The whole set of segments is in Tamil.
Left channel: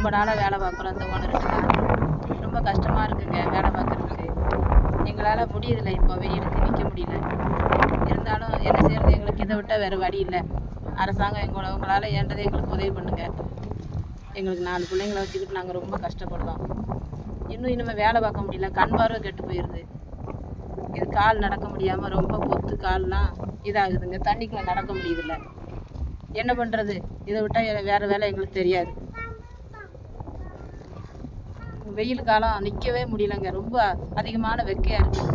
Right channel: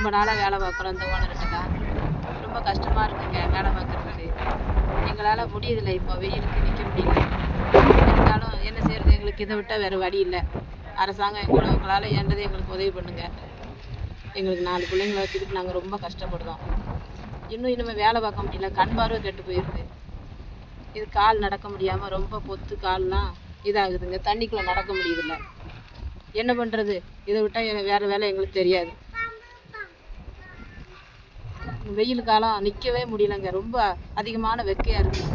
ரொம்ப நாளாக வேலை பார்க்குறோம் அந்த ஓனர்கிட்ட. ரொம்ப கஷ்டமாக இருக்குங்க வேலை பார்க்குறதுக்கு. எங்களால் முடியதில்லை, இப்போ வெயிலுக்கு நிற்க முடியல. இருந்தாலும் என்ன செய்கிறது, எங்களுக்கு இதை விட்டால் வேறு வழி இல்லை. அரசாங்கம் உங்களால் ஏண்டதை எங்களுக்கு உதவி பண்ணுங்க. எங்களுக்கு 4 பிள்ளைங்களை வச்சுக்கிட்டு நாங்கள் ரொம்ப கஷ்டப்படுறோம். இனிமேல் வேலை பார்க்க முடியல, கண் பார்வை கெட்டு போயிடுது. இது கால் நடக்க முடியாமல் ரொம்ப பொத்து கால்லாம் இதாகுதுங்க. தண்ணிக்குள்ளே நடக்க முடியுதில்ல. என்ன பண்ணுறது, இதை விட்டால் வேறு வேலை எங்களுக்கு தெரியாது. வெயில் காலம் நிற்கவே முடியலங்க. ரொம்ப அதிகமான வெக்கையாக இருக்குது,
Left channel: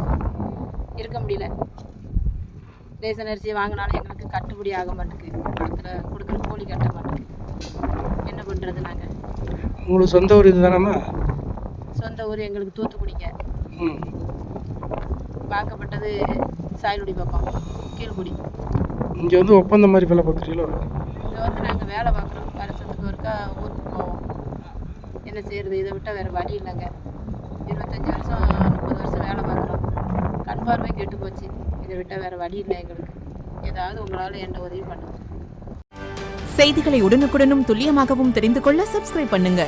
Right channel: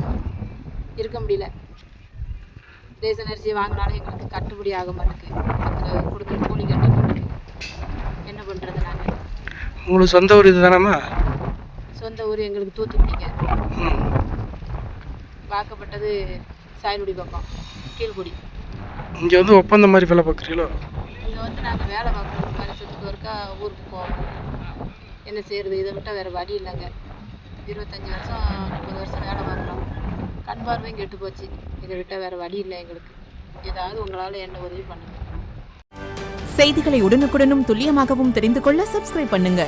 இருக்க முடியல. ரேஷன் அரிசி வாங்கினாலும் எங்களுக்கு கட்டுப்படி ஆக மாட்டேங்குது. அதில் கொடுக்குற கூலி கட்ட மாட்டேங்குது. என்ன பண்ணுறது நாங்கள்? உங்களுக்கு சொந்த ஊர் இது தானம்மா? சொந்த ஊர் எங்களுக்கு தூத்துக்குடிங்க. பார்க்கப்பட்டது சாயல்குடி பக்கம், கீழ்குடி. இங்கே வந்து ஒப்பந்தம் மாதிரி வேலை பார்க்குறீங்களோ? இங்கே வந்து நாங்கள் வேலை பார்க்குறோம், வருஷத்துக்கு ஒருக்கா ஊருக்கு போவோம். என்ன செய்கிறது, இதை விட்டால் வேறு வழி இல்லைங்க. 25 வருஷம் 30 வருஷம் வேலை பார்க்குறோம். கண் பார்வையும் கெட்டு போச்சு. இதை விட்டால் வேறு வழி இல்லை எங்களுக்கு. ஏதாவது உங்களால் என்ன உதவி பண்ணுங்க. செய்திகளை உடனுக்குடனும் துல்லியமாகவும் தெரிந்து கொள்ள சப்ஸ்கிரைப் பண்ணுங்க.